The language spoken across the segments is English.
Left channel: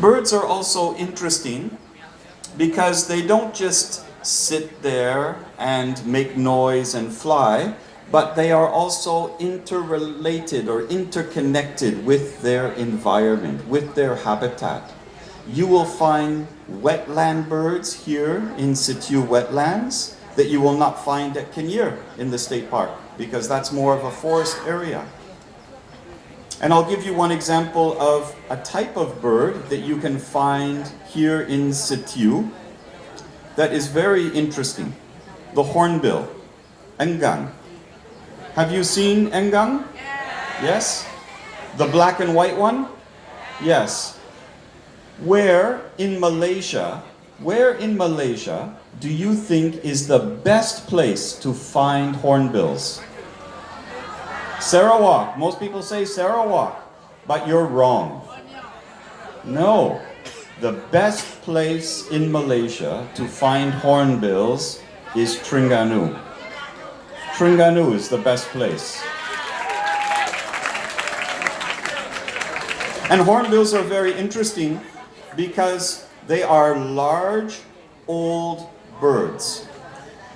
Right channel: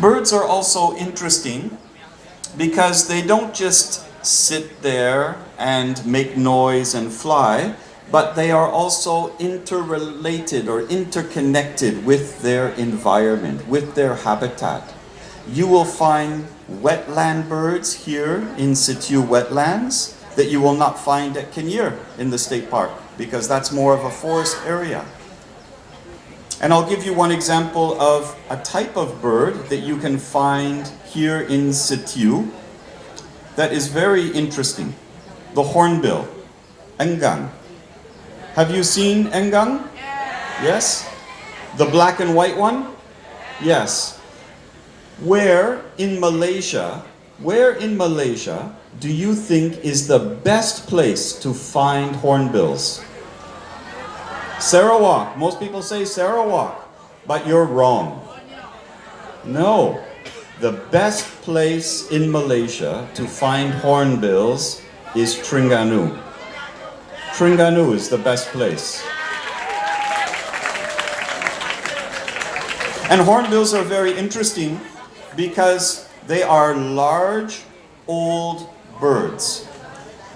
Birds are also interesting because they don't just sit there and make noise and fly, but they are also interrelated or interconnected with their environment, with their habitat. You will find wetland birds here in situ wetlands that you will not find at Kinnear in the state park, because that's more of a forest area. And I'll give you one example of a type of bird that you can find here in situ that is very interesting. The hornbill, enggang. Have you seen enggang? Yes? The black and white one? Yes. Where in Malaysia do you think is the best place to find hornbills? Sarawak. Most people say Sarawak, but you're wrong. No. The best place in Malaysia to find hornbills is Terengganu. Terengganu is the best place. And hornbills are very interesting because they are large, old birds.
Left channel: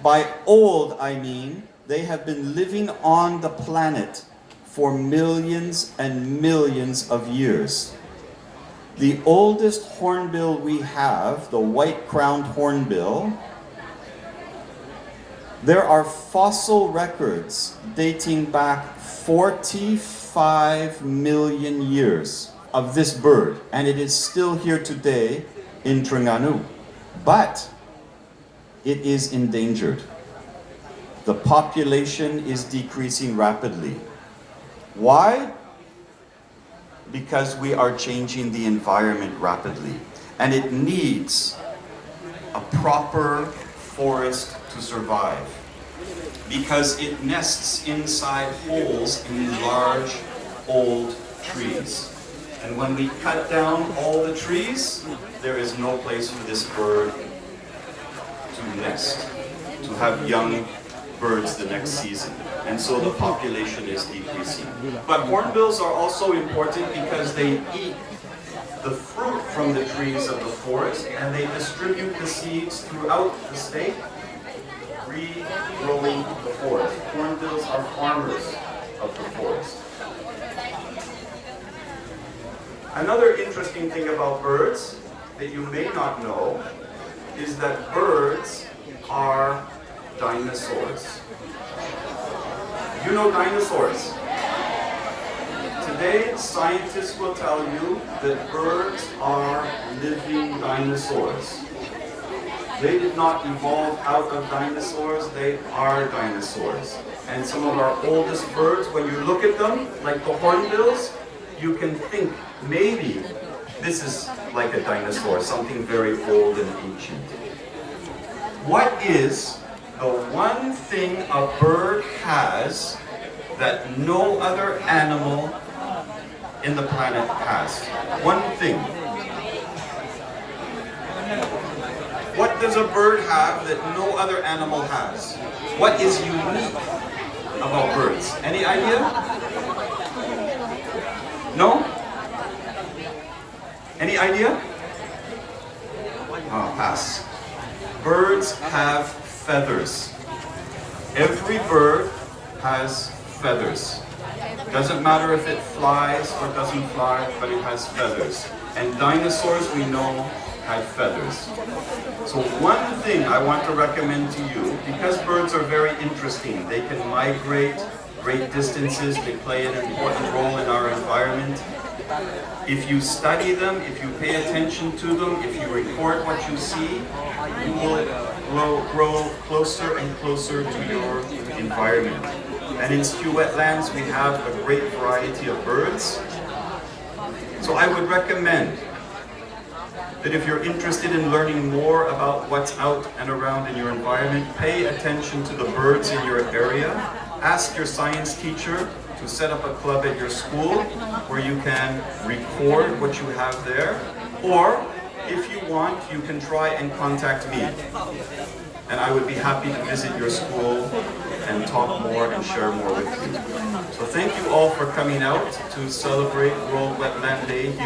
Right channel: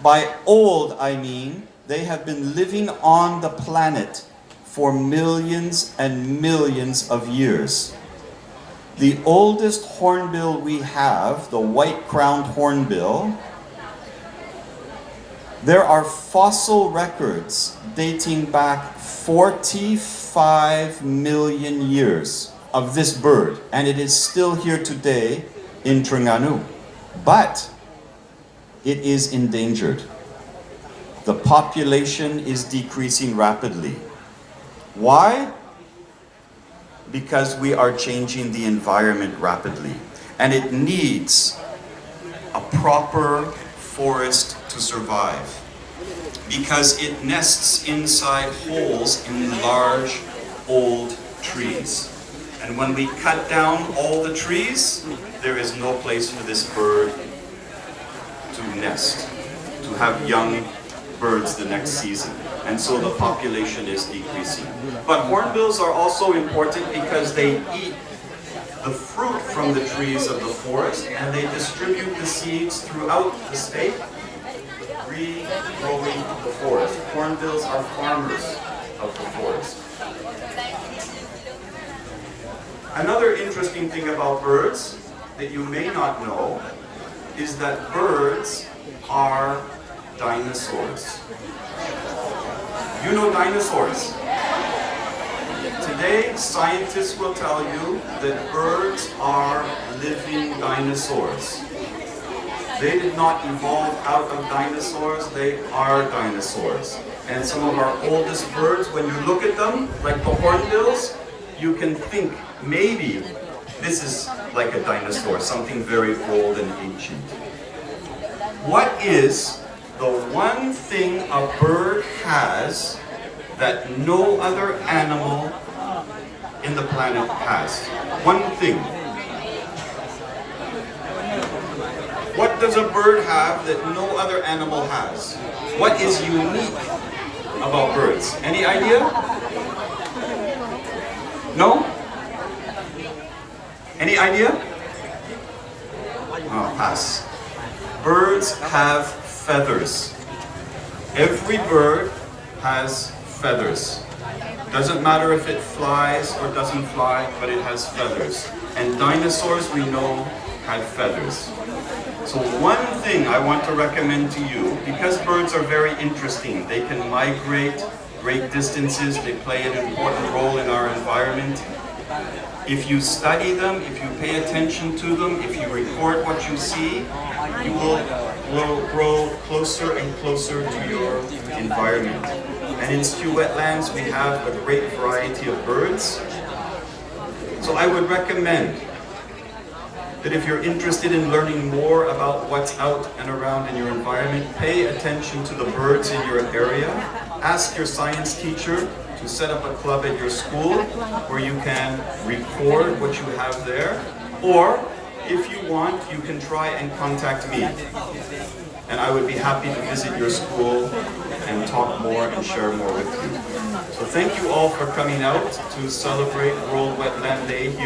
By old, I mean they have been living on the planet for millions and millions of years. The oldest hornbill we have, the white-crowned hornbill, there are fossil records dating back 45 million years of this bird, and it is still here today in Terengganu. But it is endangered. The population is decreasing rapidly. Why? Because we are changing the environment rapidly, and it needs a proper forest to survive, because it nests inside holes in large old trees. And when we cut down all the trees, there is no place for this bird to nest, to have young birds the next season. And so the population is decreasing. But hornbills are also important because they eat the fruit from the trees of the forest, and they distribute the seeds throughout the state, regrowing the forest. Hornbills are farmers of the forest. Another interesting thing about birds that you may not know is that birds are dinosaurs. You know dinosaurs. Today, scientists will tell you that birds are living dinosaurs. They did not evolve out of dinosaurs, they are dinosaurs. And some of our oldest birds, when you look at them, like the hornbills, you can think maybe this is like a dinosaur, something very old and ancient. What is the one thing a bird has that no other animal in the planet has? One thing. What does a bird have that no other animal has? What is unique about birds? Any idea? No? Any idea? Pass. Birds have feathers. Every bird has feathers. Doesn't matter if it flies or doesn't fly, but it has feathers. And dinosaurs, we know, had feathers. So one thing I want to recommend to you, because birds are very interesting, they can migrate great distances, they play an important role in our environment. If you study them, if you pay attention to them, if you record what you see, you will grow closer and closer to your environment. And in Stew Wetlands, we have a great variety of birds. So I would recommend that if you're interested in learning more about what's out and around in your environment, pay attention to the birds in your area. Ask your science teacher to set up a club at your school where you can record what you have there. Or, if you want, you can try and contact me. And I would be happy to visit your school and talk more and share more with you. So thank you all for coming out to celebrate World Wetland Day here.